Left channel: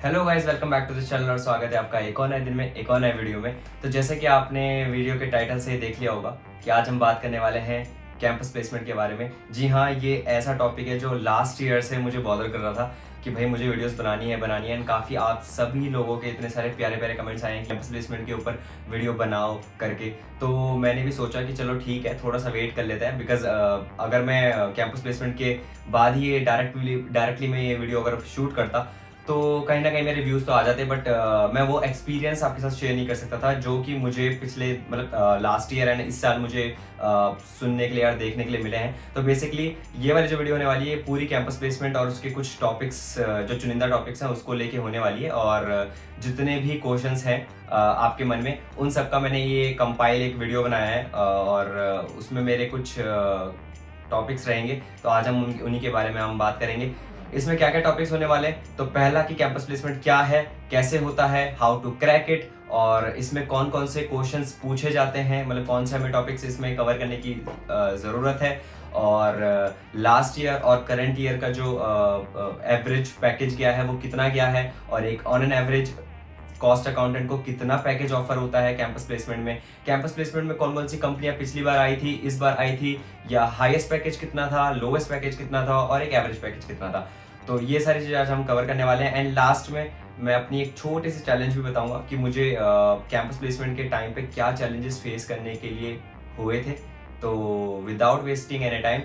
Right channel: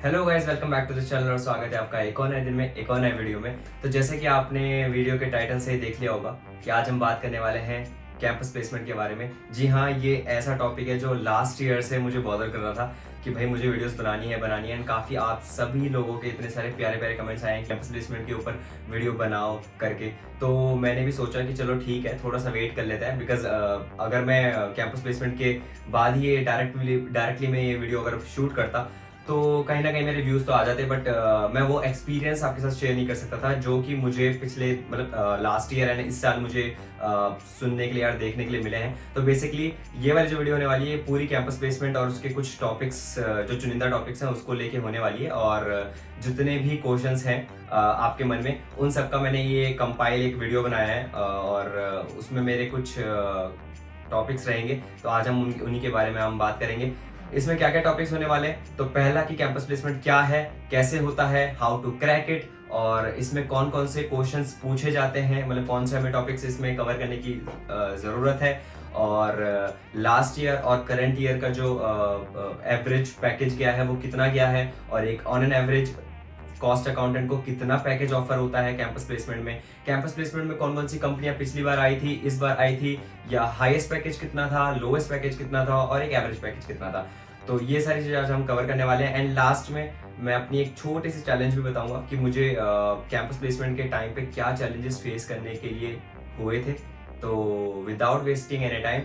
Hello guys, welcome back to the channel और स्वागत है आपका एक और नए दिन में एक और नए वीडियो में। तो जैसे कि आपने वीडियो के टाइटल से ही देख लिया होगा कि आज हम बात करने वाले हैं कैंपस प्लेसमेंट के बारे में। जी हाँ, ये ऐसा टॉपिक है जो लास्ट ईयर से मुझे बॉदर कर रहा था कि भाई मुझे वीडियोस बनानी है एंड काफ़ी आप सभी लोगों के इतने सारे प्यारे प्यारे कमेंट्स आए हैं कैंपस प्लेसमेंट के ऊपर वीडियो बनाओ करके। तो मैंने भी सोचा कि चलो ठीक है, थोड़ा सा वेट कर लेते हैं बिकॉज अगर मैं कैंपस प्लेसमेंट के बाद ही ये डायरेक्टली मैं ये वीडियो अगर शूट करता तो कहीं ना कहीं मेरे व्यूज़ तो आ जाते, बट मैं वो एक्सपीरियंस आपके साथ शेयर नहीं कर सकता था जो कि मुझे पिछले लास्ट ईयर एंड इस साल मुझे सुनने के लिए और देखने के लिए मिले हैं। तो बेसिकली ये वाली जो वीडियो होने वाली है पूरी कैंपस प्लेसमेंट और उसके कुछ टॉपिक्स जो चुनिंदा टॉपिक्स हैं उसको लेके होने वाली है। और जितने भी क्वेश्चंस हैं आपके मन में उन सब का मैंने ये कंपाइल एक वीडियो बनाया है और उसमें मेरे कुछ टॉपिक्स रहेंगे। तो आज हम उन्हीं के बारे में हम बात करेंगे। इसमें क्या क्या टॉपिक्स होने वाले हैं, तो पहला कि कैंपस प्लेसमेंट क्या है, कैसे होता है, हाउ टू क्रैक इट, और इसमें कौन कौन से क्वेश्चंस पूछे जाते हैं, मतलब कौन से हमें टॉपिक्स इसमें कवर करने की ज़रूरत है, और लास्ट ईयर और करंट ईयर का जो एवरेज पैकेज गया है वो कितना गया है, और एक on an average cost accountant को कितना पैकेज ऑफर होता है कैंपस प्लेसमेंट में। कैंपस प्लेसमेंट में कौन कौन सी कंपनियां पिछली बार आई थी, इस बार आई थी, या हाईएस्ट पैकेज कितना था, लोवेस्ट पैकेज कितना था, और एक एवरेज पैकेज कितना था। तो ये सारी चीज़ें आज हम कवर करने वाले हैं। एंड लास्ट में मैं अपनी एक छोटी सी चैलेंज भी बताऊंगा कि मुझे कैंपस प्लेसमेंट के टाइम पे क्या चैलेंजेस फेस करने के लिए हुए थे। तो विदाउट वेस्टिंग एनी टाइम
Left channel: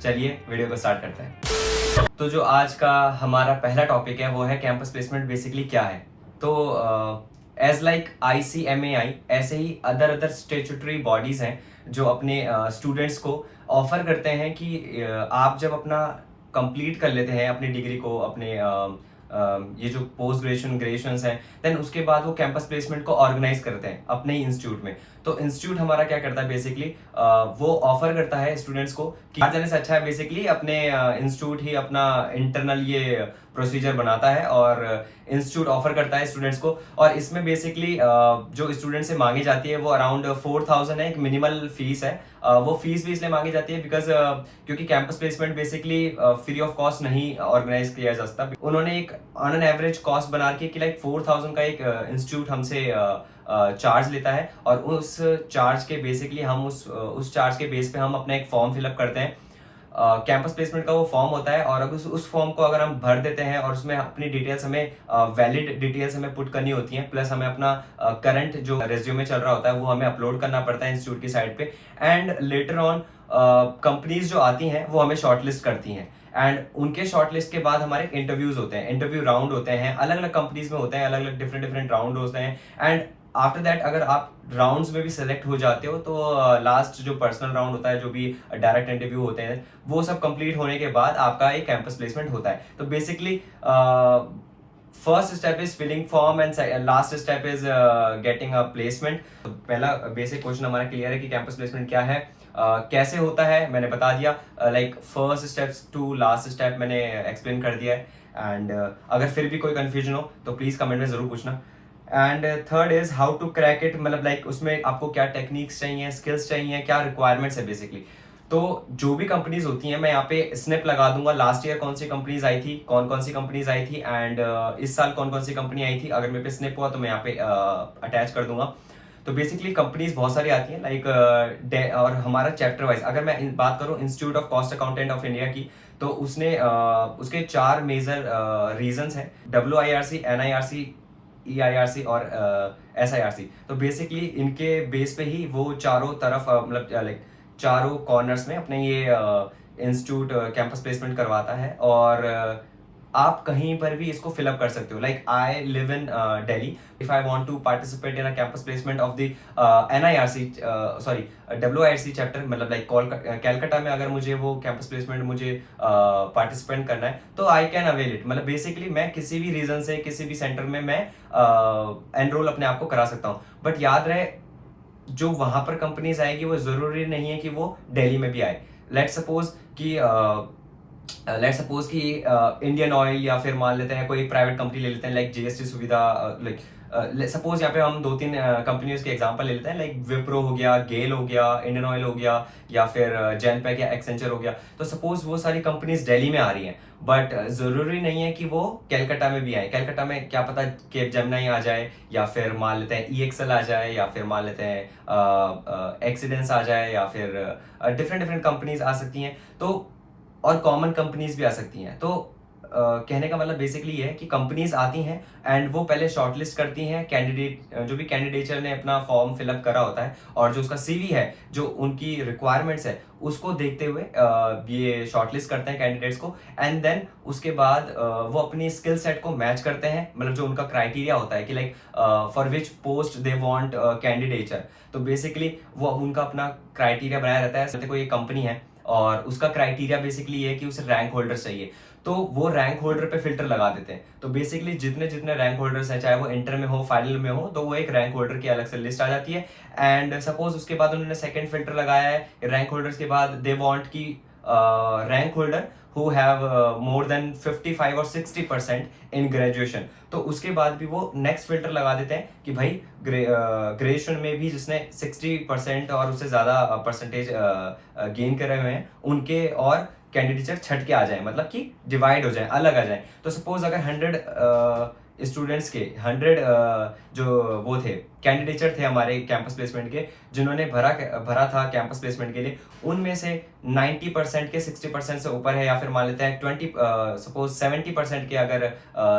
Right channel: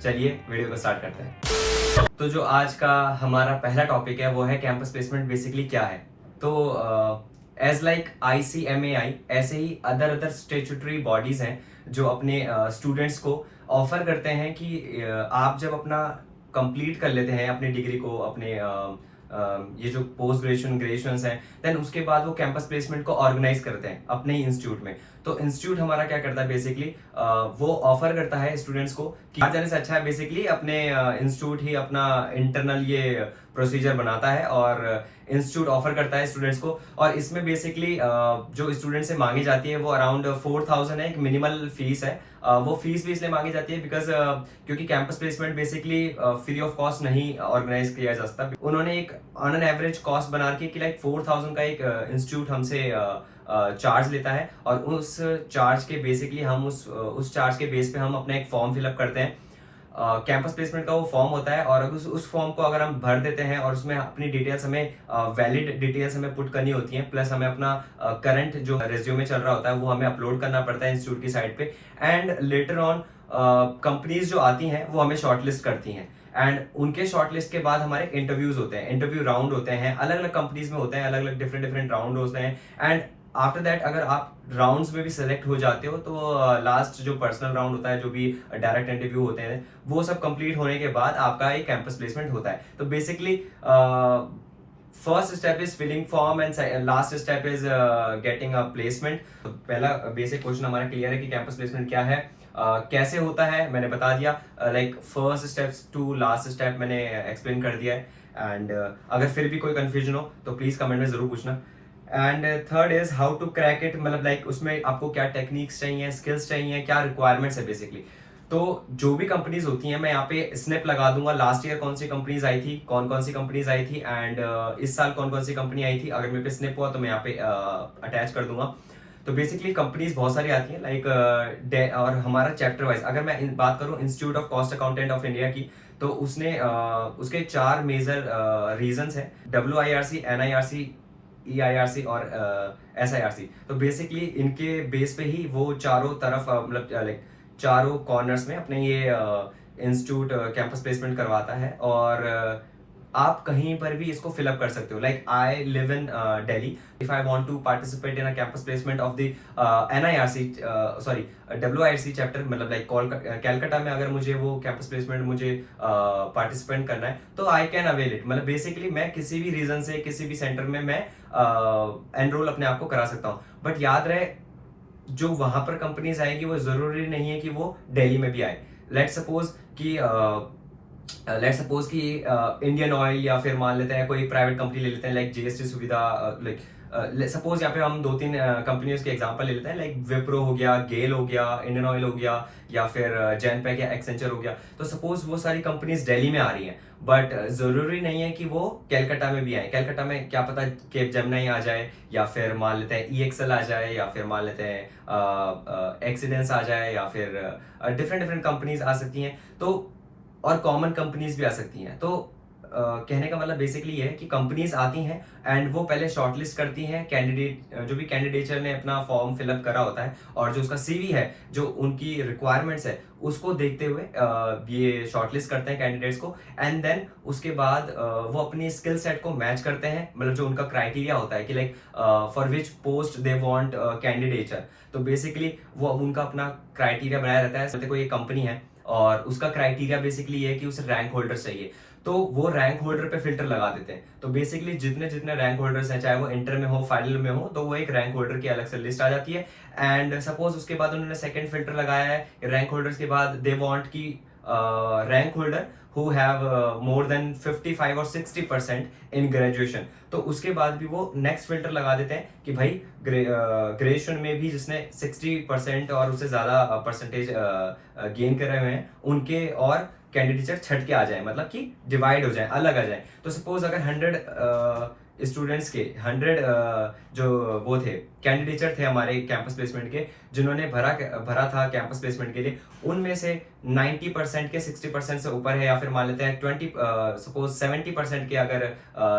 चलिए वीडियो को स्टार्ट करते हैं। तो जो आज का हमारा पहला टॉपिक है वो है कैंपस प्लेसमेंट बेसिकली क्या है। तो एज लाइक ICMAI ऐसे ही अदर स्टेचुटरी बॉडीज हैं जो अपने स्टूडेंट्स को ऑफर करते हैं कि आप जब अपना कंप्लीट कर लेते हैं अपनी डिग्री को, अपने ये जो पोस्ट ग्रेजुएशन है, देन उसके बाद वो कैंपस प्लेसमेंट को ऑर्गेनाइज करते हैं अपने ही इंस्टीट्यूट में। तो इंस्टीट्यूट हमारा क्या करता है बेसिकली, वो ऑफर करता है स्टूडेंट्स को कि जाने से अच्छा है बेसिकली अपने इंस्टीट्यूट ही अपना इंटरनल ये प्रोसीजर बनाता है और इंस्टीट्यूट ऑफर करता है स्टूडेंट्स को। और इसमें बेसिकली जो स्टूडेंट से मांगी जाती है वो अराउंड 4000 है, एक मिनिमल फीस है। वो फीस भी इसलिए मांगी जाती है बिकॉज क्योंकि campus placement basically free of cost नहीं ऑर्गेनाइज किया जा सकता। उन्होंने एक ऑन एन एवरेज कॉस्ट बना के कि लाइक 4000 का एक इंस्टीट्यूट हमसे चार्ज लेता है, और उस चार्ज के बेसिकली हम उस चार्ज के बेस पे हम अपना एक फॉर्म फिलअप करते हैं। कैंपस प्लेसमेंट का वो फॉर्म होता है, और उस फॉर्म को अगर हम भर देते हैं और उसमें अपनी डिटेल्स हमें वैलिड डिटेल्स हमें पुट करनी होती हैं, प्लस हमें अपना करंट जो रेज्यूमे चल रहा होता है वो हमें अपलोड करना पड़ता है इंस्टीट्यूट की साइट पे। एंड लेटर ऑन कंपनीज जो आती हैं वो हमें शॉर्टलिस्ट करती हैं, एंड उनके शॉर्टलिस्ट के बाद हमारे इंटरव्यूज होते हैं, इंटरव्यू राउंड होते हैं, अलग अलग कंपनीज में होते हैं, अलग अलग डिफरेंट राउंड होते हैं। एंड आफ्टर दैट अगर आप राउंड्स में भी सेलेक्ट हो जाते हो तो लास्ट जो पर्सनल राउंड होता है, जो भी डायरेक्ट इंटरव्यू होते हैं, वो सब कंप्लीट होने के बाद आपका एक कैंपस प्लेसमेंट होता है। तो basically first step is filling form and last step is getting a placement. पहला बेसिक क्वेश्चन हमारा क्लियर है कि कैंपस प्लेसमेंट क्या है, कैसे होता है मैंने बता दिया, like first steps to last step मैंने एक्सप्लेन कर दिया है। एंड अगर फिर भी कोई कंफ्यूजन हो तो प्लीज कमेंट में जरूर पूछना। And third is how to crack it, मतलब लाइक उसमें आपको क्या टेक्निक्स चाहिए, स्किल्स चाहिए, क्या रिक्वायरमेंट्स है बेसिकली। तो जो भी कंपनीज होती हैं मैं यहाँ पे स्नैप लगा दूंगा, लास्ट ईयर कौन सी कंपनीज आई थी, कौन सी कंपनीज आई थी, एंड इस साल कौन सी कंपनी आई थी। अगर मेरे पे स्नैप हुआ तो मैं यहाँ पे अटैच कर दूंगा। तो बेसिकली कंपनीज बहुत सारी आती हैं लाइक और हमारा चैप्टर वाइज अगर मैं बात करूँ institute of cost accountant of India की, तो उसने उसके 4 मेजर रीजंस हैं, WIRC, NIRC, EIRC और SIRC। तो बेसिकली इनके बेस पे ही वो चारों तरफ मतलब लाइक चारों कॉर्नर्स में अपने ये इंस्टीट्यूट कैंपस प्लेसमेंट करवाता है। और आप कहीं पर भी इसको फिलअप कर सकते हो। Like I live in Delhi, if I want to participate in a campus placement of the NIRC sorry WIRC chapter, मतलब लाइक कैलकाटा में अगर मुझे वो कैंपस प्लेसमेंट मुझे पार्टिसिपेट करना है तो आई कैन अवेल इट। मतलब बेसिकली मैं किसी भी रीजन से किसी भी सेंटर में मैं एनरोल अपने आप को करा सकता हूँ। बट याद रहे जो वहां पर कंपनीज आएगी वो जरूरी नहीं है कि वो दिल्ली में भी आए। लेट्स सपोज कि इंडियन ऑयल या फिर मान लेते हैं कोई प्राइवेट कंपनी ले लेते हैं लाइक GST सुविधा, लाइक सपोज यहाँ पे हम 2-3 कंपनियों के एग्जांपल ले लेते हैं, लाइक विप्रो हो गया, गेल हो गया, इंडियन ऑयल हो गया, या फिर जेनपैक या एक्सेंचर हो गया। तो सपोज वो सारी कंपनीज दिल्ली में आ रही हैं, बट ज़रूरी नहीं है कि वो कैलकाटा में भी आए। कैलकाटा में क्या पता केप जेमिनी आ जाए, या फिर मान लेते हैं EXL आ जाए, या फिर मान लेते हैं एक्सीडेंस आ जाए, या फिर डिफरेंट डिफरेंट कंपनीज आ सकती हैं। तो और कॉमन कंपनीज भी आ सकती हैं। तो कहने का मतलब बेसिकली ये है कि कंपनीज आती हैं एंड वो पहले शॉर्टलिस्ट करती हैं कैंडिडेट, जो भी कैंडिडेचर ने अपना फॉर्म फिलअप करा होता है और जो उसका CV है, जो उनकी रिक्वायरमेंट्स है, उसको देखते हुए ये शॉर्टलिस्ट करते हैं कैंडिडेट्स को। एंड देन उसके बाद वो अपनी स्किल सेट को मैच करते हैं, मतलब जो उनका क्राइटेरिया होता है कि like for which post they want candidature. तो बेसिकली वो उनका अपना क्राइटेरिया बनाया रहता है। जैसे कोई एक कंपनी है और उसका क्राइटेरिया बेसिकली ये है कि उसे रैंक होल्डर चाहिए, तो वो रैंक होल्डर पे फिल्टर लगा देते हैं। तो बेसिकली जितने जितने रैंक होल्डर्स हैं, चाहे वो इंटर में हो, फाइनल में हो, तो वो एक रैंक होल्डर की अलग से लिस्ट आ जाती है। एंड सपोज उसके बाद उन्होंने सेकंड फिल्टर लगाया है रैंक होल्डर्स के बाद, दे वांट की rank holder who have more than 55 और 60% इन ग्रेजुएशन। तो उसके बाद भी वो नेक्स्ट फिल्टर लगा देते हैं कि भाई ग्रेजुएशन में भी जिसने 60% और उससे ज्यादा परसेंटेज गेन करे हुए हैं, उनके और कैंडिडेचर छट के आ जाए, मतलब कि डिवाइड हो जाए, अलग आ जाए। तो सपोज अगर 100 स्टूडेंट्स के 100 जो वो थे कैंडिडेचर थे हमारे कैंपस प्लेसमेंट के, जिन्होंने भरा था कैंपस प्लेसमेंट के लिए, उनमें से 90% के 60% से ऊपर है, या फिर मान लेते हैं 20 सपोज 70% के अगर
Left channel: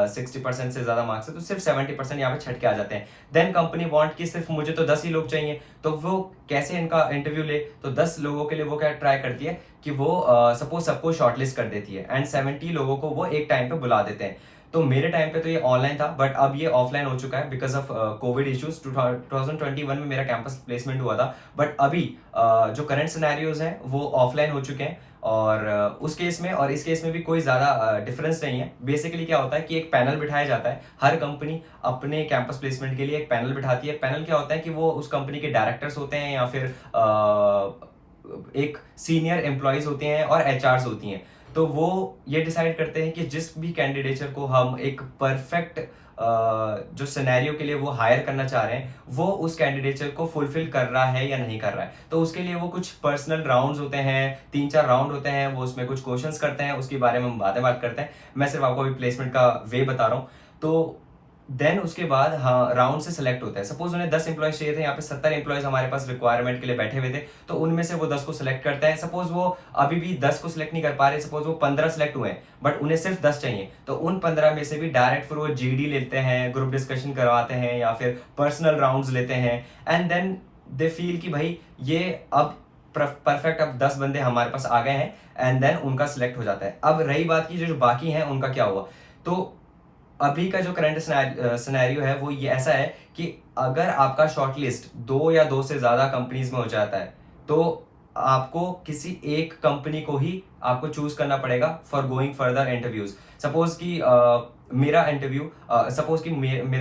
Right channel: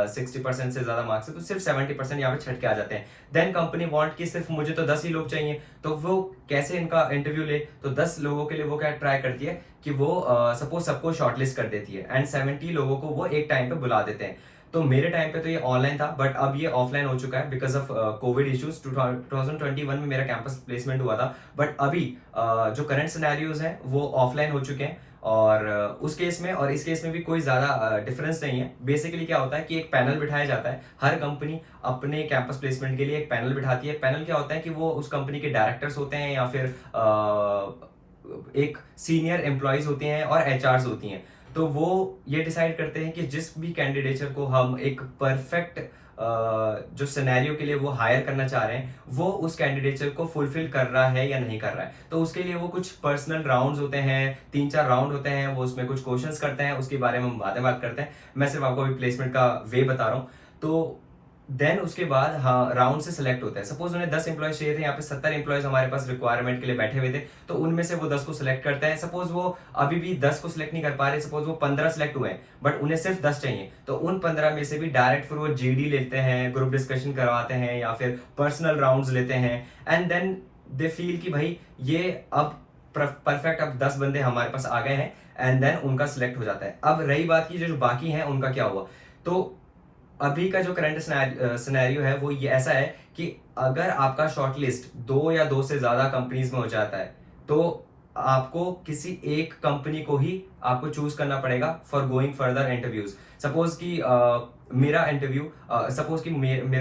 60% से ज्यादा मार्क्स है, तो सिर्फ 70% यहाँ पे छट के आ जाते हैं। देन कंपनी वांट कि सिर्फ मुझे तो 10 ही लोग चाहिए, तो वो कैसे इनका इंटरव्यू ले, तो 10 लोगों के लिए वो क्या ट्राई करती है कि वो सपोज सबको शॉर्टलिस्ट कर देती है एंड 70 लोगों को वो एक टाइम पे बुला देते हैं। तो मेरे टाइम पे तो ये ऑनलाइन था, बट अब ये ऑफलाइन हो चुका है बिकॉज ऑफ कोविड इश्यूज। 2021 में मेरा कैंपस प्लेसमेंट हुआ था, बट अभी जो करंट सिनेरियोज हैं वो ऑफलाइन हो चुके हैं। और उस केस में और इस केस में भी कोई ज़्यादा डिफरेंस नहीं है। बेसिकली क्या होता है कि एक पैनल बिठाया जाता है, हर कंपनी अपने कैंपस प्लेसमेंट के लिए एक पैनल बिठाती है। पैनल क्या होता है कि वो उस कंपनी के डायरेक्टर्स होते हैं, या फिर एक सीनियर एम्प्लॉयज होते हैं और HRs होती हैं। तो वो ये डिसाइड करते हैं कि जिस भी कैंडिडेचर को हम एक परफेक्ट जो सिनेरियो के लिए वो हायर करना चाह रहे हैं, वो उस कैंडिडेचर को फुलफिल कर रहा है या नहीं कर रहा है। तो उसके लिए वो कुछ पर्सनल राउंड्स होते हैं, 3-4 राउंड होते हैं, वो उसमें कुछ क्वेश्चंस करते हैं, उसके बारे में हम बात करते हैं। मैं सिर्फ आपको अभी प्लेसमेंट का वे बता रहा हूँ। तो देन उसके बाद हाँ राउंड से सिलेक्ट होता है। सपोज उन्हें 10 एम्प्लॉयज चाहिए थे, यहाँ पे 70 एम्प्लॉयज हमारे पास रिक्वायरमेंट के लिए बैठे हुए थे, तो उनमें से वो 10 को सिलेक्ट करते हैं। सपोज वो अभी भी 10 को सिलेक्ट नहीं कर पा रहे, सपोज वो 15 सिलेक्ट हुए हैं बट उन्हें सिर्फ 10 चाहिए, तो उन 15 में से भी डायरेक्ट फिर वो GD लेते हैं, ग्रुप डिस्कशन करवाते हैं, या फिर पर्सनल राउंड्स लेते हैं। एंड देन दे फील कि भाई ये अब परफेक्ट, अब 10 बंदे हमारे पास आ गए हैं, एंड देन उनका सिलेक्ट हो जाता है। अब रही बात की जो बाकी हैं उनका क्या हुआ, तो अभी का जो करंट सिनेरियो है वो ये ऐसा है कि अगर आपका शॉर्ट लिस्ट 2 या 2 से ज्यादा कंपनीज में हो जाता है, तो आपको किसी एक कंपनी को ही आपको चूज करना पड़ेगा for going further interviews. Suppose कि मेरा इंटरव्यू, सपोज कि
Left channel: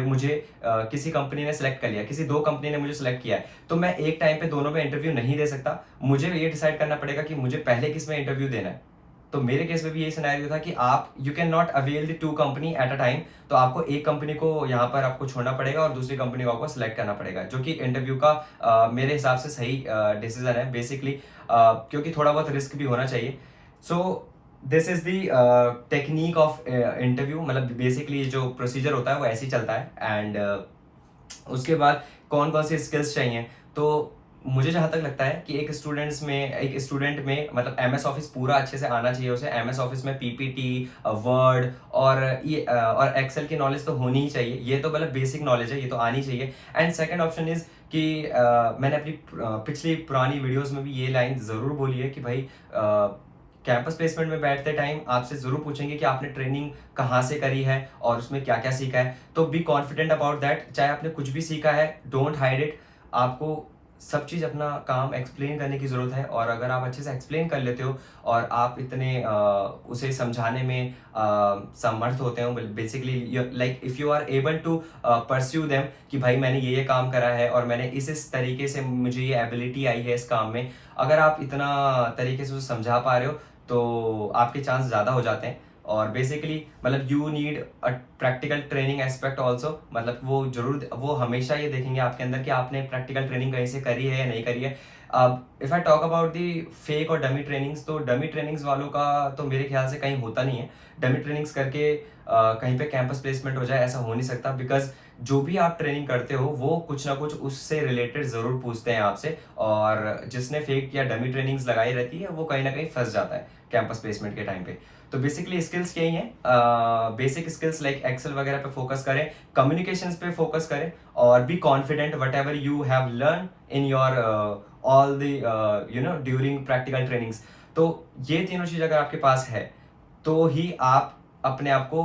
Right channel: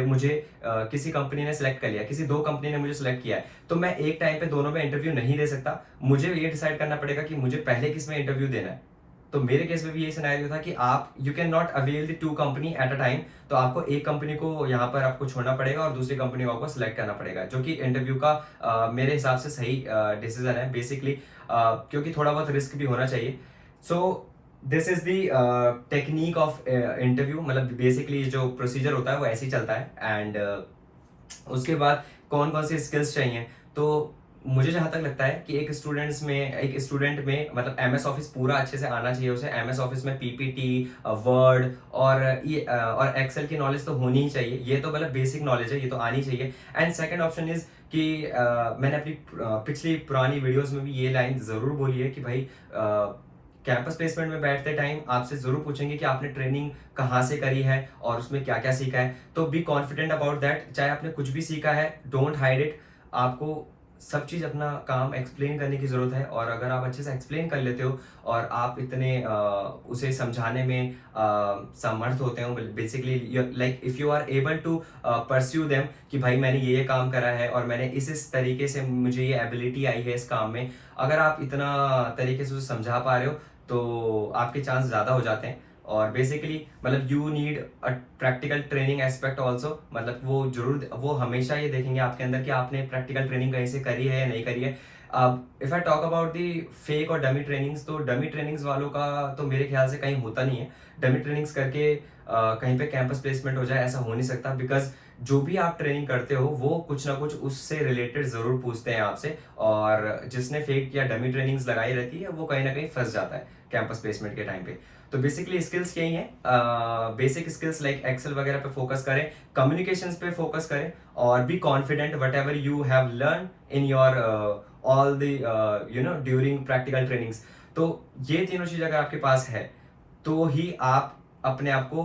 मुझे किसी कंपनी ने सिलेक्ट कर लिया, किसी 2 कंपनी ने मुझे सिलेक्ट किया है, तो मैं एक टाइम पे दोनों में इंटरव्यू नहीं दे सकता। मुझे ये डिसाइड करना पड़ेगा कि मुझे पहले किस में इंटरव्यू देना है। तो मेरे केस में भी यही सिनेरियो था कि आप you can not avail the 2 company at a time. तो आपको एक कंपनी को यहाँ पर आपको छोड़ना पड़ेगा और दूसरी कंपनी को आपको सिलेक्ट करना पड़ेगा, जो कि इंटरव्यू का मेरे हिसाब से सही डिसीजन है बेसिकली, क्योंकि थोड़ा बहुत रिस्क भी होना चाहिए। So this is the technique of interview, मतलब बेसिकली जो प्रोसीजर होता है वो ऐसे ही चलता है। एंड उसके बाद कौन कौन सी स्किल्स चाहिए, तो मुझे जहां तक लगता है कि एक स्टूडेंट में मतलब MS ऑफिस पूरा अच्छे से आना चाहिए उसे। MS ऑफिस में PPT, वर्ड और एक्सेल की नॉलेज तो होनी ही चाहिए। ये तो मतलब बेसिक नॉलेज है, ये तो आनी चाहिए। एंड सेकंड ऑप्शन इज कि मैंने अपनी पिछली पुरानी वीडियोस में भी ये लाइन जरूर बोली है कि भाई कैंपस प्लेसमेंट में बैठते टाइम आपसे जरूर पूछेंगे कि आपने ट्रेनिंग कहाँ से करी है और उसमें क्या क्या सीखा है। तो बी कॉन्फिडेंट अबाउट दैट, चाहे आपने कुछ भी सीखा है, डोंट हाइड इट। आपको सब चीज़ अपना काम एक्सप्लेन करने की ज़रूरत है, और अगर आप अच्छे से एक्सप्लेन कर लेते हो और आप इतने उसे समझाने में समर्थ होते हो, basically like if you are able to pursue them कि भाई मैंने ये काम करा है और मैंने इस तरीके से मुझे ये एबिलिटी आई है इस काम में, अगर आप इतना तरीके से उसे समझा पा रहे हो तो आपके चांस ज़्यादा हो जाते हैं। और बेसिकली मतलब you need a practical training aspect also, मतलब वो जरूर वो हमेशा ये देखेंगे आपके अंदर कि आपने प्रैक्टिकल ट्रेनिंग कहीं से करी है या नहीं करी है। अब if I talk about the fake और डमी ट्रेनिंग्स, तो डमी ट्रेनिंग्स वालों का तो मेरे ख्याल से कहीं होता नहीं है। डमी ट्रेनिंग्स करके कहीं पे कैंपस प्लेसमेंट हो जाए, ऐसा हो नहीं सकता, बिकॉज जो भी आप ट्रेनिंग करते हो वो कुछ ना कुछ उससे रिलेटेड ज़रूर पूछते हैं आपसे, और जिसने फेक या डमी ट्रेनिंग्स लगाई रहती है वो कहीं ना कहीं फंस जाता है कैंपस प्लेसमेंट के टाइम पे। तो बेसिकली स्किल्स यही हैं, बेसिक स्किल्स लाइक एक्सेल वगैरह पे फोकस करें, कम्युनिकेशंस पे फोकस करें, और be confident what ever you have learn in your all the during practical trainings. तो ये तीनों चीज़ अगर आपके पास है तो ही आप अपने आप को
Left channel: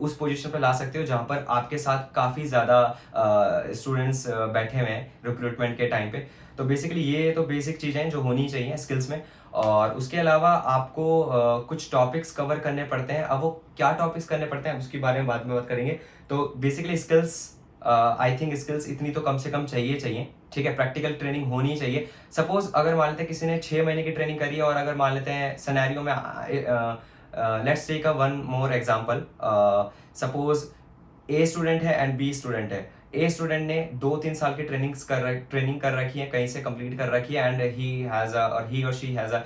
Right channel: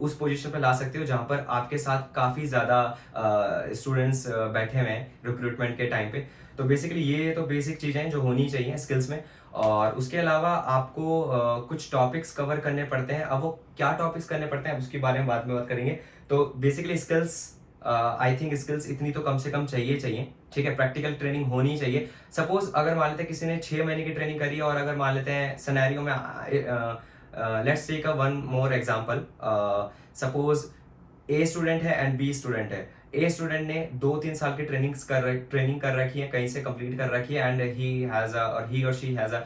उस पोजीशन पे ला सकते हो जहाँ पर आपके साथ काफ़ी ज़्यादा स्टूडेंट्स बैठे हुए हैं रिक्रूटमेंट के टाइम पे। तो बेसिकली ये तो बेसिक चीज़ें हैं जो होनी चाहिए स्किल्स में। और उसके अलावा आपको कुछ टॉपिक्स कवर करने पड़ते हैं। अब वो क्या टॉपिक्स करने पड़ते हैं उसके बारे में बाद में बात करेंगे। तो basically skills, I think skills इतनी तो कम से कम चाहिए, ठीक है। प्रैक्टिकल ट्रेनिंग होनी चाहिए। सपोज अगर मान लेते हैं किसी ने 6 महीने की ट्रेनिंग करी है, और अगर मान लेते हैं सिनेरियो में let's take a one more example, suppose a student है एंड बी स्टूडेंट है। ए स्टूडेंट ने 2-3 साल की ट्रेनिंग कर रखी है, कहीं से कंप्लीट कर रखी है, एंड ही और she has a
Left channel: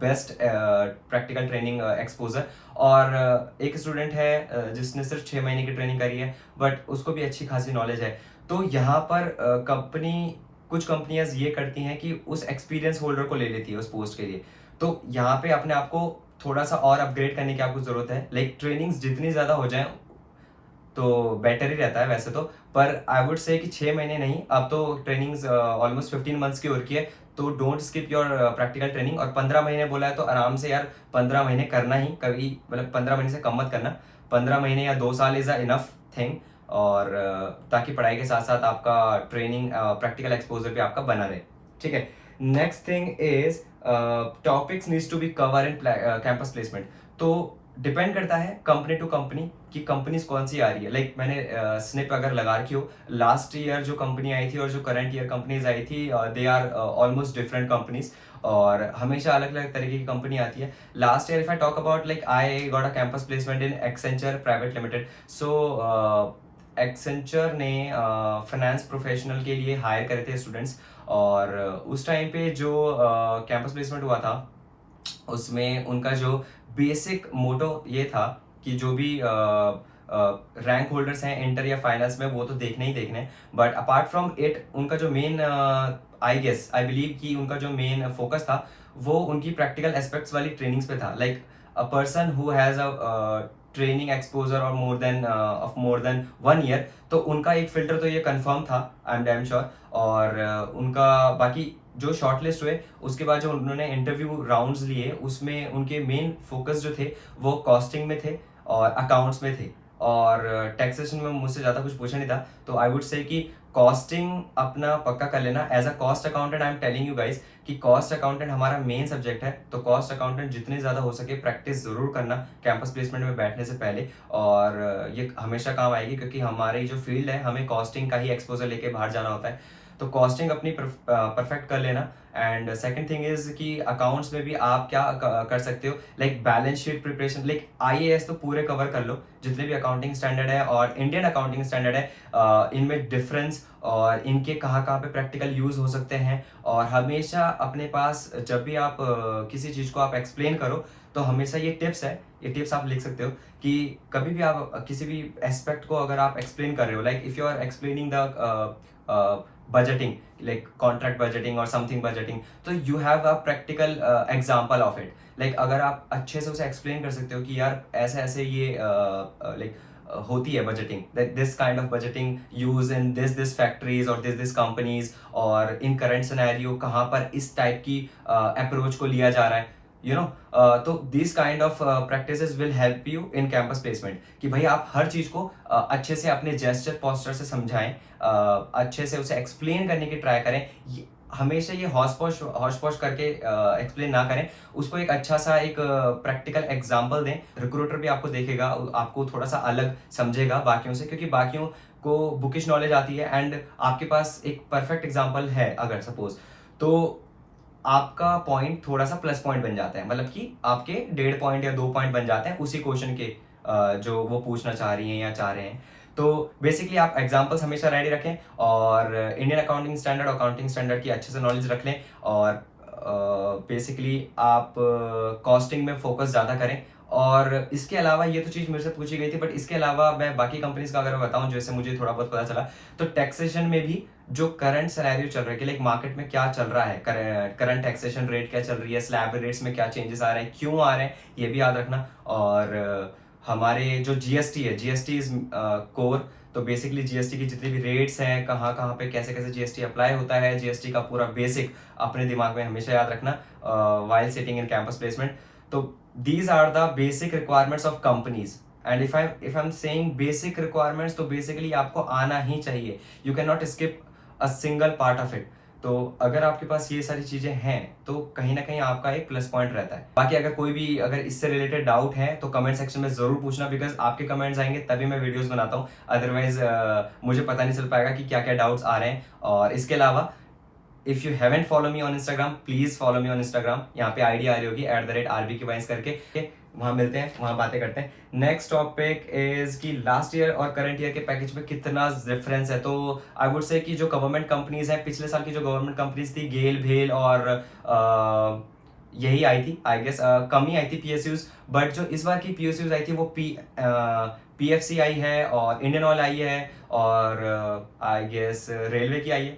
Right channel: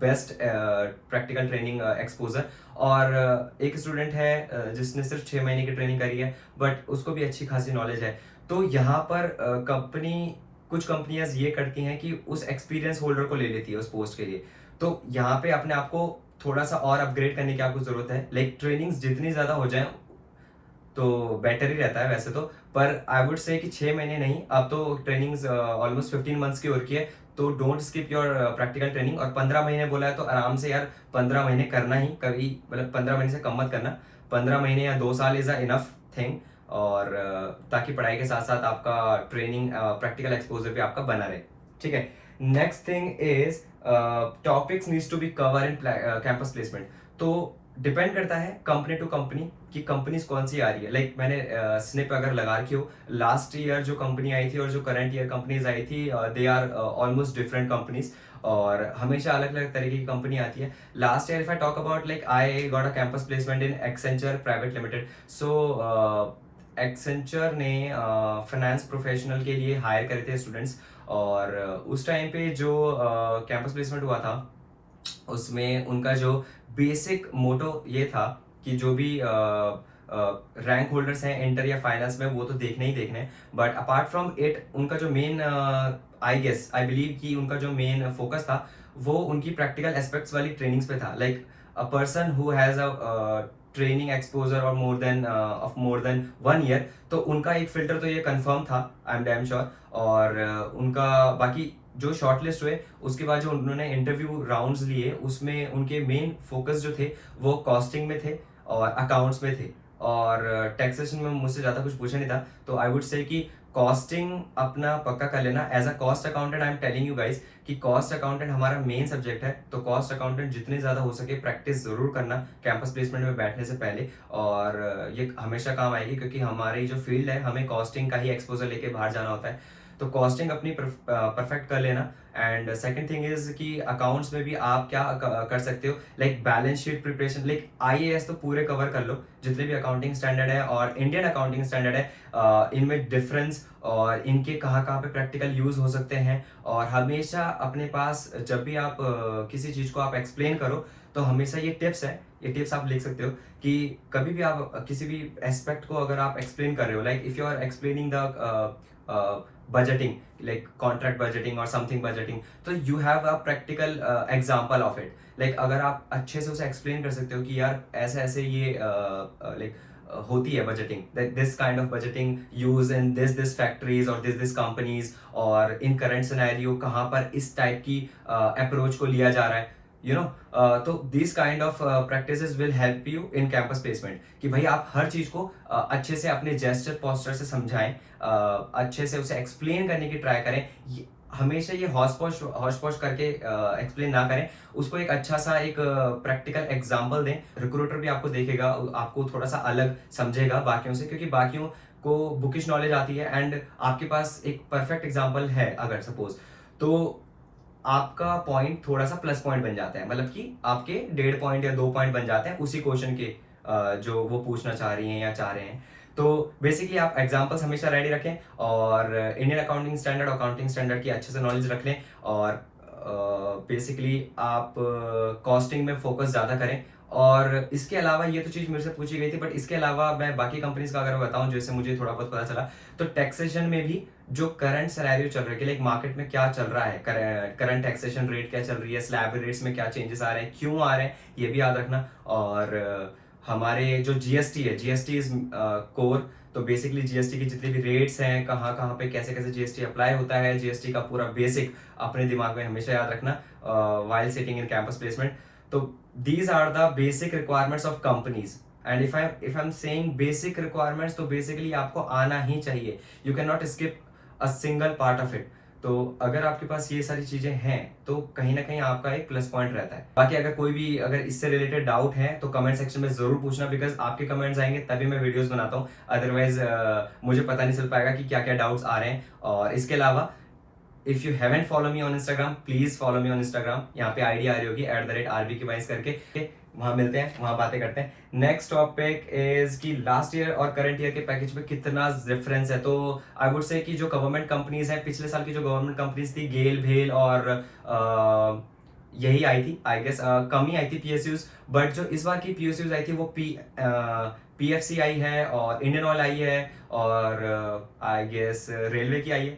best practical training exposure. और एक स्टूडेंट है जिसने सिर्फ 6 महीने की ट्रेनिंग करी है, बट उसको भी अच्छी खासी नॉलेज है। तो यहाँ पर कुछ कंपनियां ये करती हैं कि उस एक्सपीरियंस होल्डर को ले लेती है उस पोस्ट के लिए। तो यहाँ पे अपने आप को थोड़ा सा और अपग्रेड करने की आपको जरूरत है। लाइक ट्रेनिंग्स जितनी ज़्यादा हो जाए तो बेटर ही रहता है वैसे तो, पर आई वुड से कि 6 महीने नहीं, अब तो ट्रेनिंग्स ऑलमोस्ट 15 मंथ्स की हो रखी है। तो don't skip your practical training. और 15 महीने बोला है तो आराम से यार 15 महीने करना ही, कभी 15 महीने से कम मत करना। 15 महीने या 2 साल इज अ इनफ थिंग। और ताकि पढ़ाई के साथ साथ आपका ट्रेनिंग प्रैक्टिकल एक्सपोजर भी आपका बना रहे, ठीक है। Next thing is topics needs to be cover in campus placement. तो डिपेंड करता है कंपनी टू कंपनी कि कंपनीज कौन सी आ रही है। लाइक मैंने स्निप अगर लगा रखी हो, लास्ट ईयर जो कंपनी आई थी और जो करंट ईयर कंपनीज आई थी, they are almost different companies, और हमेशा अलग अलग तरीके की कंपनी आती है। Last year if I talk about, like I got a campus placement in Accenture private limited. So Accenture ने फाइनेंस प्रोफेशनल के लिए हायर करे थे स्टूडेंट्स, और उस टाइम पे जो कैंपस प्लेसमेंट हुआ था उसमें उनका जो बेसिक मोटो ये था कि जो भी रैंक होल्डर्स हैं इंटर या फाइनल्स में, वो तो देखने ही देखने, बट अपार्ट फ्रॉम इट उनका जो मेन आई बिलीव कि उनका जो मेन फोकस था वो उनकी प्रैक्टिकल एस्पेक्ट्स वाली ट्रेनिंग्स पे था। Like a person who has a training exposure और मोर देन 1 ईयर, तो उनका एक फिल्टर तो ये कंफर्म था, आई एम डैम श्योर। और उनका बाकी जो शॉर्टलिस्ट हुए उसके बाद जो उन्होंने इंटरव्यू राउंड्स लिए, उसमें उनके मेन फोकस जो थे वो कॉस्टिंग में थे और अकाउंट्स में थे, और टैक्सेशन में मुझसे ज़्यादा कुछ पूछा नहीं था। तो आई वुड से कि कॉस्टिंग अपना पक्का कर लेना। As a cost accountant I am telling you guys कि कॉस्ट अकाउंटेंट हमारा मेन सब्जेक्ट है। तो कॉस्ट अकाउंटेंट जितने ज़्यादा हो सके प्रैक्टिस ज़रूर करना कैंपस प्लेसमेंट में बैठने से पहले, और ये हमेशा काम आएगी क्योंकि हमारी जो फील्ड है हमें कॉस्टिंग का ही एक्सपोजर लेके बाहर जाना होता है। तो कॉस्टिंग अपनी परफेक्ट कर लेना। एंड सेकंड थिंग इज कि अकाउंट्स में भी आप क्या कर सकते हो, like balance sheet preparation. Like IAS तो पूरे कवर कर लो, जितने भी अकाउंटिंग स्टैंडर्ड है और इंडियन अकाउंटिंग स्टैंडर्ड है, इनमें डिफरेंस और इनके कहाँ कहाँ पे प्रैक्टिकल यूज हो सकते हैं। और हमेशा अपने पास जब भी आप किसी चीज़ को आप एक्सप्लेन करो तो हमेशा ये टिप्स है, ये टिप्स आप लिख सकते हो कि कभी भी आप किसी भी एस्पेक्ट को अगर आप एक्सप्लेन कर रहे हो, like if you are explaining the budgeting, like contract budgeting or something budgeting, तो you have a practical example of it. like अगर आप अच्छे से उसे एक्सप्लेन कर सकते हो कि यार ऐसे ऐसे ये होती है budgeting, this kind of budgeting use in this factories और दिस कंपनीज, और इन करंट सिनेरियो कहाँ पर इस टाइप की अप्रोच को लिया जा रहा है, तो this kind of practices will help you in campus placement. कि भाई आप हर चीज को अच्छे से अपने जेस्चर पोस्चर से समझाएं, अच्छे से उसे एक्सप्लेन करने की ट्राई करें। हमेशा ये हॉश पॉश करके एक्सप्लेन ना करें, उसको एक अच्छा सा एक प्रैक्टिकल एग्जाम्पल दें। रिक्रूटर भी आपको देखेगा, आपको थोड़ा सा अलग समझेगा बाकियों से, क्योंकि बाकियों को बुकिश नॉलेज आती है एंड आपके पास एक परफेक्ट एग्जाम्पल है अगर सपोज, तो आपका पॉइंट थोड़ा सा प्लस पॉइंट बन जाता है। मतलब कि आपके 1.5 पॉइंट या 2 पॉइंट बन जाते हैं उसी क्वेश्चन के जो वो पूछना चाह रही हैं या चाह रहे हैं। तो बेसिकली आप एग्जाम्पल्स हमेशा रेडी रखें और इंडियन अकाउंटिंग स्टैंडर्ड की अच्छे से नॉलेज रख लें और बेसिकली आप कॉस्टिंग में फोकस ज़्यादा करें। और इसके अलावा ये तो चीज़ मेरे से पूछी गई थी, बट इसके अलावा मैं बाकी कंपनीज का अगर मैं बताऊं, जैसे मुझे थोड़ा बहुत पता चला, तो टैक्सेशन में भी जो करंट सिनेरियो चल रहा है कि लाइक मार्केट में क्या चल रहा है, करंट टैक्सेशन रेट क्या चल रही है, स्लैब रेट्स में क्या चेंजेस आ रहे हैं, क्यों आ रहे हैं, ये भी याद रखना। और हमारे जो जीएसटी है, जीएसटी इज कोर, तो बेसिकली जीएसटी की जितनी भी रेट्स हैं, कहाँ कहाँ पे कैसे कैसे जीएसटी अप्लाई होता है, जीएसटी का पूरा बेसिक अपने दिमाग में हमेशा याद रखना while sitting in campus placement. तो these are the basic requirements of companies. And if I'm saying basic requirements, तो basically आपको आना ही चाहिए. You cannot skip a single part of it. तो अगर आपके पास ये सारी चीजें हैं तो कहीं ना कहीं आपका एक प्लस पॉइंट रहता है। बाकी अगर कोई भी अगर इससे रिलेटेड डाउट है तो कमेंट सेक्शन में जरूर पूछना, बिकॉज आपके कमेंट्स आएंगे तभी मैं वीडियोस बनाता हूँ, अदरवाइज मुझे पता नहीं चल पाएगा कि क्या क्या डाउट्स आ रहे हैं। और इसके अलावा if you haven't follow me on Instagram, please follow me on Instagram. यहाँ पे आईडी आ रही होगी @RBKWines करके, वहां मिलते हैं, वहां बातें करते हैं। नेक्स्ट टॉपिक इज कि लास्ट ईयर और करंट ईयर के पैकेज में कितना डिफरेंस है। तो आई वुड से कि जो गवर्नमेंट कंपनीज हैं, पिछले साल की जो गवर्नमेंट कंपनीज थी, गेल, भेल और यही आई थी, आई गेस कम ही आई थी PSUs, बट जो इस बार की PSUs आई थी वो PFC आई है और इंडियन ऑयल आई है और आई गेस रेलवे की आई है,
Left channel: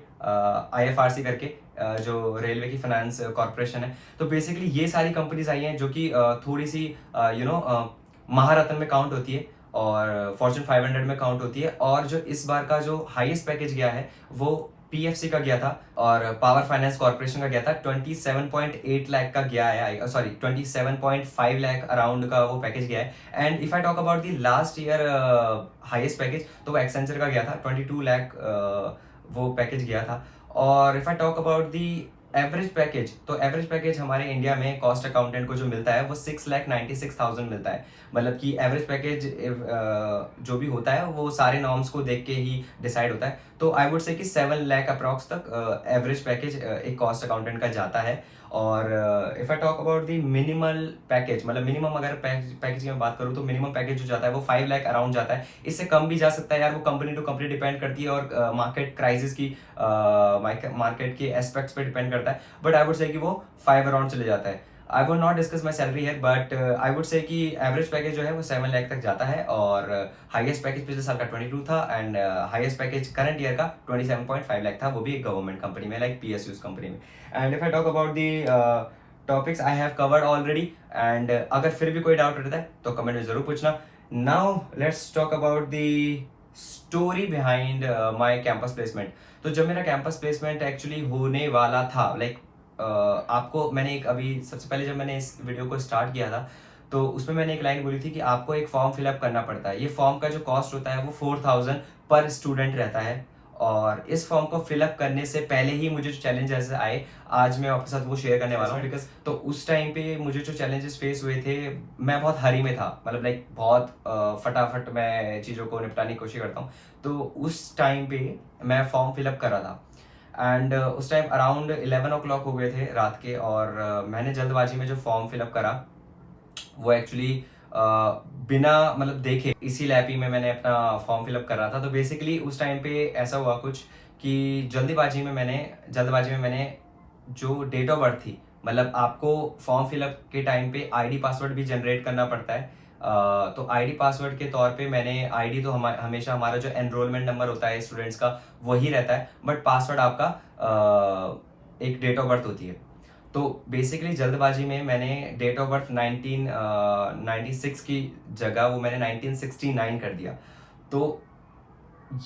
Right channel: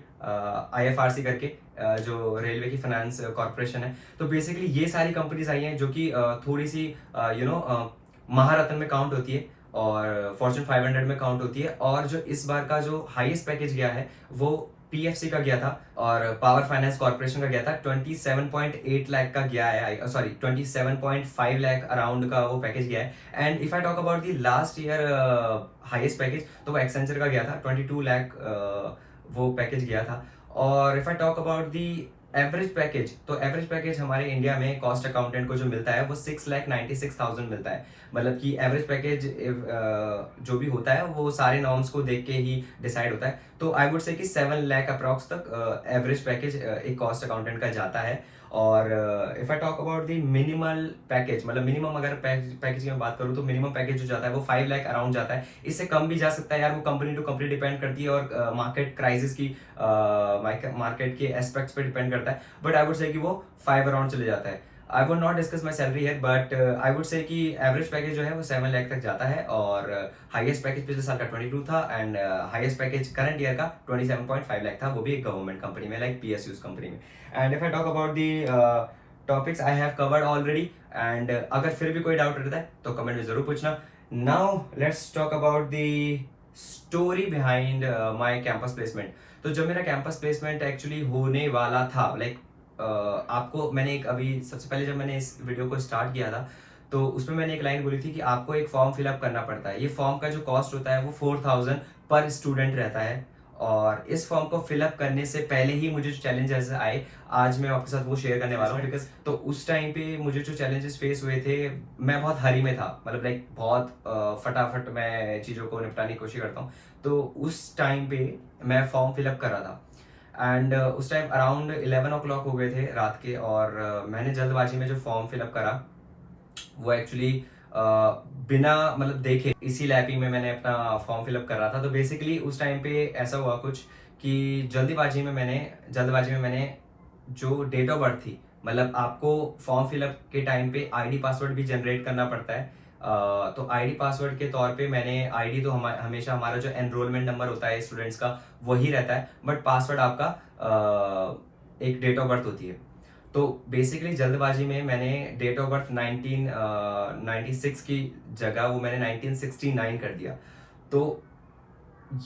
IFRC करके, जो रेलवे की फाइनेंस कॉर्पोरेशन है। तो बेसिकली ये सारी कंपनीज आई हैं जो कि थोड़ी सी महारत्न में काउंट होती है और फॉर्च्यून 500 में काउंट होती है। और जो इस बार का जो हाईएस्ट पैकेज गया है वो PFC का गया था और पावर फाइनेंस कॉर्पोरेशन का गया था, 27.8 लाख का गया है, सॉरी 27.5 लाख अराउंड का वो पैकेज गया है। And if I talk about the last year highest package, तो वो एक्सेंचर का गया था, 22 लाख वो पैकेज गया था। और if I talk about the average package, तो एवरेज पैकेज हमारे इंडिया में कॉस्ट अकाउंटेंट को जो मिलता है वो 6,96,000 मिलता है। मतलब कि एवरेज पैकेज जो भी होता है वो सारे नॉर्म्स को देख के ही डिसाइड होता है। तो आई वुड से कि 7 लाख अप्रॉक्स तक एवरेज पैकेज एक कॉस्ट अकाउंटेंट का जाता है। और if I talk about the minimal package, मतलब मिनिमम अगर पैकेज की मैं बात करूँ तो मिनिमम पैकेज जो जाता है वो 5 लाख अराउंड जाता है। इससे कम भी जा सकता है यार, वो कंपनी टू कंपनी डिपेंड करती है और मार्केट क्राइसिस की मार्केट के एस्पेक्ट्स पे डिपेंड करता है। बट आई वुड से कि वो 5 अराउंड चले जाता है। I would not discuss my salary है, बट आई वुड से कि एवरेज पैकेज जो है वो 7 लाख तक जाता है और हाईएस्ट पैकेज पिछले साल का 22 था and highest package current year का 27.5 लाख था, वो भी एक गवर्नमेंट कंपनी में, लाइक PSUs कंपनी में। And if I talk about the topics I have covered already, and अगर फिर भी कोई डाउट रहता है तो कमेंट में जरूर पूछना। Now let's talk about the story behind my campus placement. तो जब मेरा कैंपस प्लेसमेंट एक्चुअली होने वाला था, लाइक आपको मैंने एक अभी सबसे पहले जब मैंने इस वीडियो को स्टार्ट किया था तो उसमें मैंने एक लाइन बोली थी कि आपको एक फॉर्म फिलअप करना पड़ता है। ये फॉर्म का जो कॉस्ट होता है वो 4,000 पर स्टूडेंट रहता है। और इस फॉर्म को फिलअप करने से पहले ही मुझे जो चैलेंजेस आए, आज मैं आपके साथ वो शेयर करने वाला हूँ। बिकॉज तो उस टाइम पे मुझे जो चैलेंजेस फेस हुए थे, मैं बहुत हरी में था, मतलब लाइक बहुत फटाफट मैं चीज़ों को निपटाने की कोशिश करता हूँ। तो उस टाइम पे मैं फॉर्म फिलअप कर रहा था एंड उस टाइम अराउंड 11 o'clock हो गए थे रात के, और मैंने जल्दबाजी में जो फॉर्म फिलअप करा वो एक्चुअली बिना मतलब देखे इसी लैपी में मैंने अपना फॉर्म फिलअप कर रहा था। तो बेसिकली उस टाइम पे ऐसा हुआ कुछ कि जल्दबाजी में मैंने जो डेट ऑफ बर्थ थी, मतलब आपको फॉर्म फिलअप के टाइम पे आईडी पासवर्ड भी जनरेट करना पड़ता है। तो आईडी पासवर्ड के तौर पे मैंने आईडी तो हमेशा हमारा जो एनरोलमेंट नंबर होता है स्टूडेंट्स का वही रहता है, बट पासवर्ड आपका एक डेट ऑफ बर्थ होती है। तो बेसिकली जल्दबाजी में मैंने डेट ऑफ बर्थ 1996 की जगह वो मैंने 1969 कर दिया। तो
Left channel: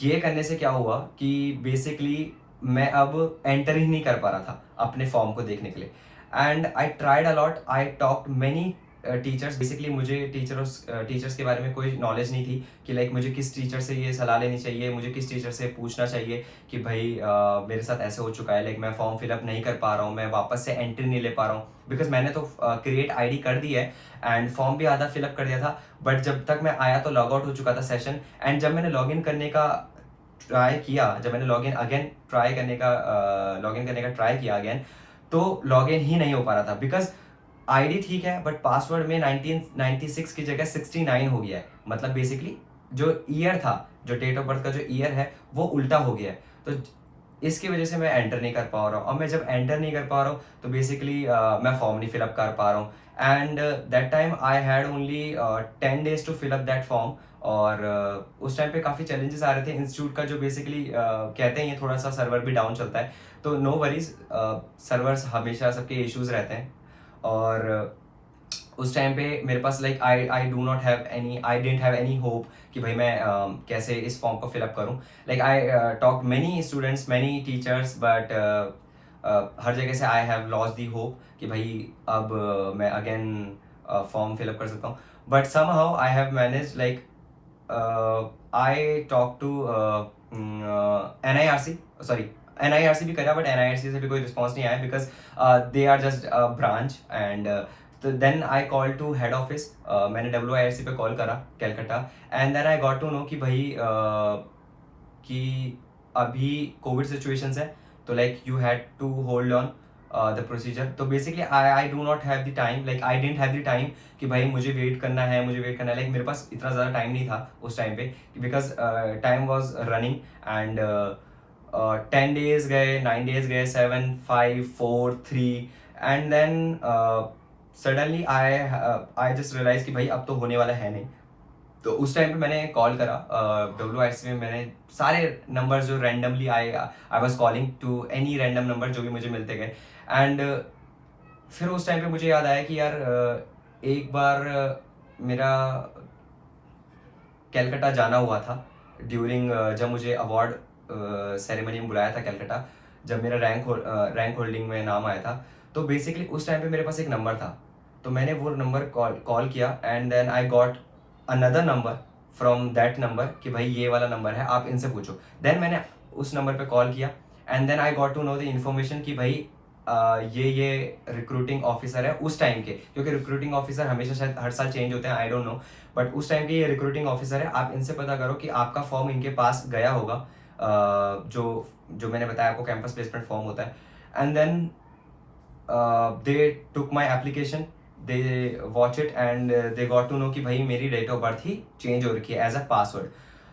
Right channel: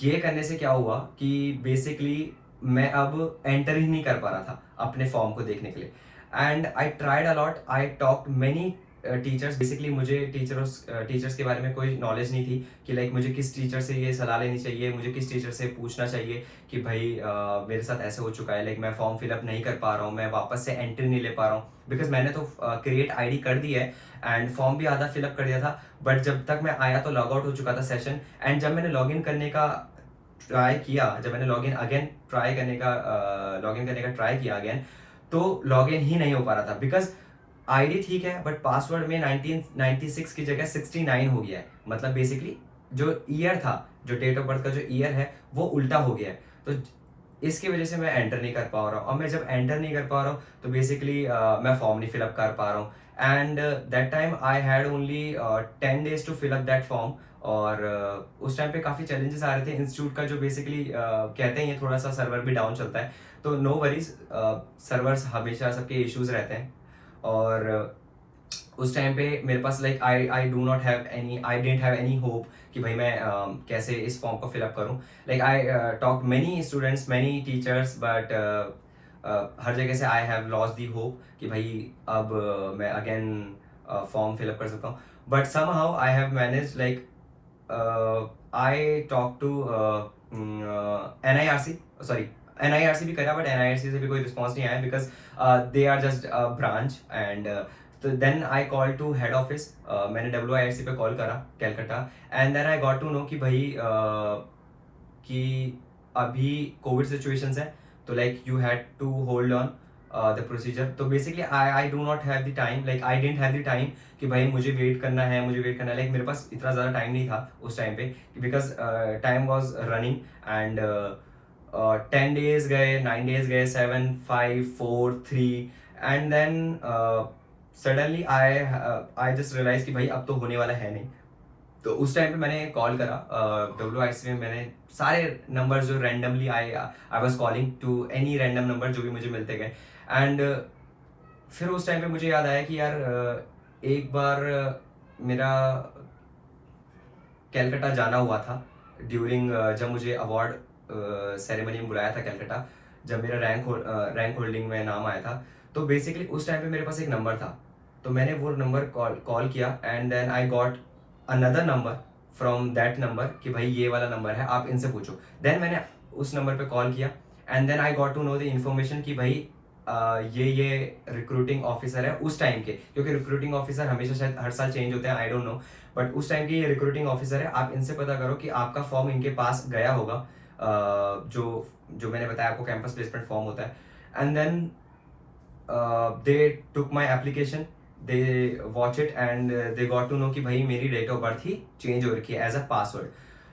ये करने से क्या हुआ कि बेसिकली मैं अब एंटर ही नहीं कर पा रहा था अपने फॉर्म को देखने के लिए। And I tried a lot, I talked many teachers. Basically मुझे टीचर्स के बारे में कोई नॉलेज नहीं थी कि लाइक मुझे किस टीचर से ये सलाह लेनी चाहिए, मुझे किस टीचर से पूछना चाहिए कि भाई मेरे साथ ऐसे हो चुका है, लाइक मैं फॉर्म फिलअप नहीं कर पा रहा हूँ, मैं वापस से एंट्री नहीं ले पा रहा हूँ। बिकॉज मैंने तो क्रिएट आईडी कर दी है एंड फॉर्म भी आधा फिलअप कर दिया था, बट जब तक मैं आया तो लॉग आउट हो चुका था सेशन। एंड जब मैंने लॉग इन करने का ट्राई किया, जब मैंने लॉग इन करने का ट्राई किया अगेन, तो लॉग इन ही नहीं हो पा रहा था। बिकॉज आईडी ठीक है बट पासवर्ड में 1996 की जगह 69 हो गया है। मतलब बेसिकली जो ईयर था, जो डेट ऑफ बर्थ का जो ईयर है वो उल्टा हो गया है। तो इसकी वजह से मैं एंटर नहीं कर पा रहा हूँ। अब मैं जब एंटर नहीं कर पा रहा हूँ तो बेसिकली मैं फॉर्म नहीं फिलअप कर पा रहा हूँ। And that time I had only 10 days to fill up that form. और उस टाइम पे काफ़ी चैलेंजेस आ रहे थे इंस्टीट्यूट का, जो बेसिकली कहते हैं ये थोड़ा सा सर्वर भी डाउन चलता है, तो नो वरीज, सर्वर्स हमेशा सबके इश्यूज रहते हैं। और उस टाइम पे मेरे पास like I do not have any, I dent have any hope कि भाई मैं कैसे इस फॉर्म को फिलअप करूं। Like I talk many students, many teachers, but हर जगह से I have lost the hope कि भाई अब मैं अगेन फॉर्म फिलअप कर सकता हूँ। But somehow I have manage, like I talk to NIRC, sorry NIRC भी करा, बट NIRC से भी कोई रिस्पॉन्स नहीं आया, because they are just branch. And तो then I call to head office, मैंने WIRC पे कॉल करा Calcutta, and then I got to know कि भाई कि अभी कोविड सिचुएशंस है, तो like you had to hold on the procedure. तो basically I do not have the time, like I dent have the time कि भाई मुझे वेट करना है, मुझे वेट करना है। लाइक मेरे पास इतना ज़्यादा टाइम नहीं था उस टाइम पे, because time was running. And 10 days गए, 9 days गए, 7, 5, 4, 3, and then suddenly I just realise कि भाई अब तो होने वाला है नहीं। तो उस टाइम पे मैंने कॉल करा WIRC में, मैंने सारे नंबर जो randomly I was calling to any random number जो भी मुझे मिलते गए। एंड फिर उस टाइम पे मुझे याद आया कि यार एक बार मेरा कैलकाटा जाना हुआ था ड्यूरिंग जब मुझे अवार्ड सेरेमनी में बुलाया था कैलकाटा, जब मेरा रैंक होल्डिंग में नाम आया था। तो बेसिकली उस टाइम पे मेरे पास एक नंबर था, तो मैंने वो नंबर कॉल किया, and then I got another number from that number कि भाई ये वाला नंबर है, आप इनसे पूछो। देन मैंने उस नंबर पे कॉल किया, and then I got to know the information कि भाई ये रिक्रूटिंग ऑफिसर है उस टाइम के, क्योंकि रिक्रूटिंग ऑफिसर हमेशा शायद हर साल चेंज होते हैं, आई डोंट नो, बट उस टाइम के ये रिक्रूटिंग ऑफिसर है। आप इनसे पता करो कि आपका फॉर्म इनके पास गया होगा, जो मैंने बताया आपको कैंपस प्लेसमेंट फॉर्म होता है। And then they took my application, they watch it, and they got to know कि भाई मेरी डेट ऑफ बर्थ ही चेंज हो रखी है एज अ पासवर्ड।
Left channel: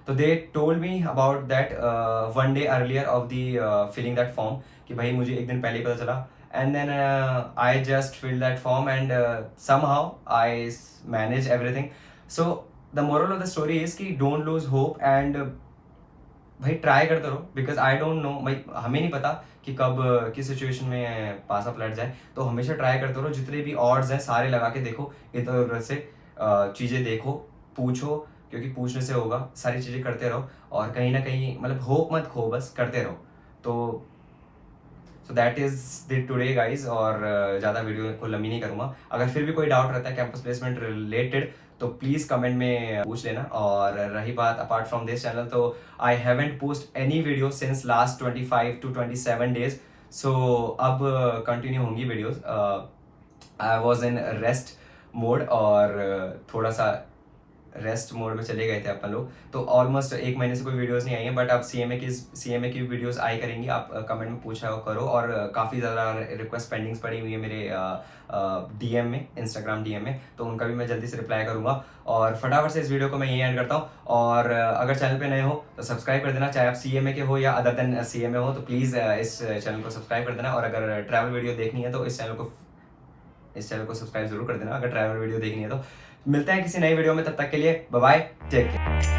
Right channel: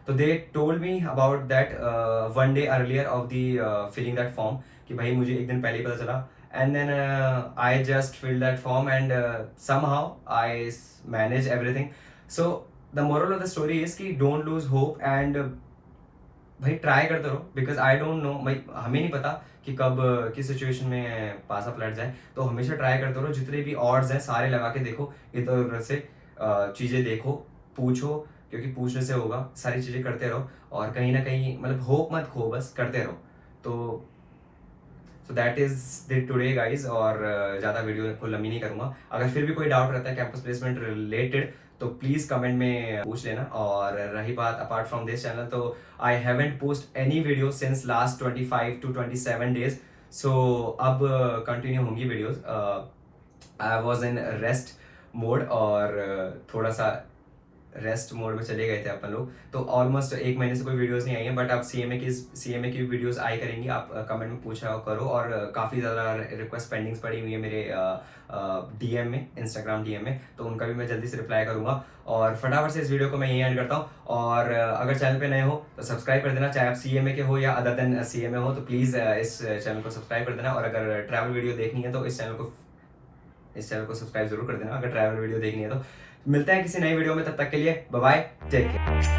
तो they told me about that 1 day earlier of the filling that form, कि भाई मुझे एक दिन पहले ही पता चला। And then I just fill that form, and somehow I manage everything. So the moral of the story is कि डोंट लूज होप, एंड भाई ट्राई करते रहो, बिकॉज आई डोंट नो, भाई हमें नहीं पता कि कब किस सिचुएशन में पास अप लट जाए। तो हमेशा ट्राई करते रहो, जितने भी ऑड्स हैं सारे लगा के देखो, इधर उधर से चीज़ें देखो, पूछो, क्योंकि पूछने से होगा। सारी चीज़ें करते रहो, और कहीं ना कहीं मतलब होप मत खो, बस करते रहो। तो so that is the today guys, और ज़्यादा वीडियो को लंबी नहीं करूँगा। अगर फिर भी कोई डाउट रहता है कैंपस प्लेसमेंट रिलेटेड, तो प्लीज़ कमेंट में पूछ लेना। और रही बात अपार्ट फ्रॉम दिस चैनल, तो I haven't post any video since last 25 to 27 days। सो अब कंटिन्यू होंगी videos. I was in rest mode, और थोड़ा सा रेस्ट मोड में चले गए थे अपन लोग, तो ऑलमोस्ट 1 महीने से कोई वीडियोस नहीं आई है। बट अब CMA की वीडियोस आई करेंगी, आप कमेंट में पूछा करो। और काफ़ी ज़्यादा रिक्वेस्ट पेंडिंग्स पड़ी हुई है मेरे DM में, इंस्टाग्राम DM में, तो उनका भी मैं जल्दी से रिप्लाई करूंगा। और फटाफट से इस वीडियो को मैं यही एंड करता हूँ। और अगर चैनल पे नए हो तो सब्सक्राइब कर देना, चाहे आप CMA के हो या अदर देन CMA हो, तो प्लीज़ इस चैनल को सब्सक्राइब कर देना। और अगर ट्रैवल वीडियो देखनी है तो इस चैनल को सब्सक्राइब जरूर कर देना, अगर ट्रैवल वीडियो देखनी है तो। मिलते हैं किसी नई वीडियो में, तब तक के लिए बाय बाय, टेक केयर।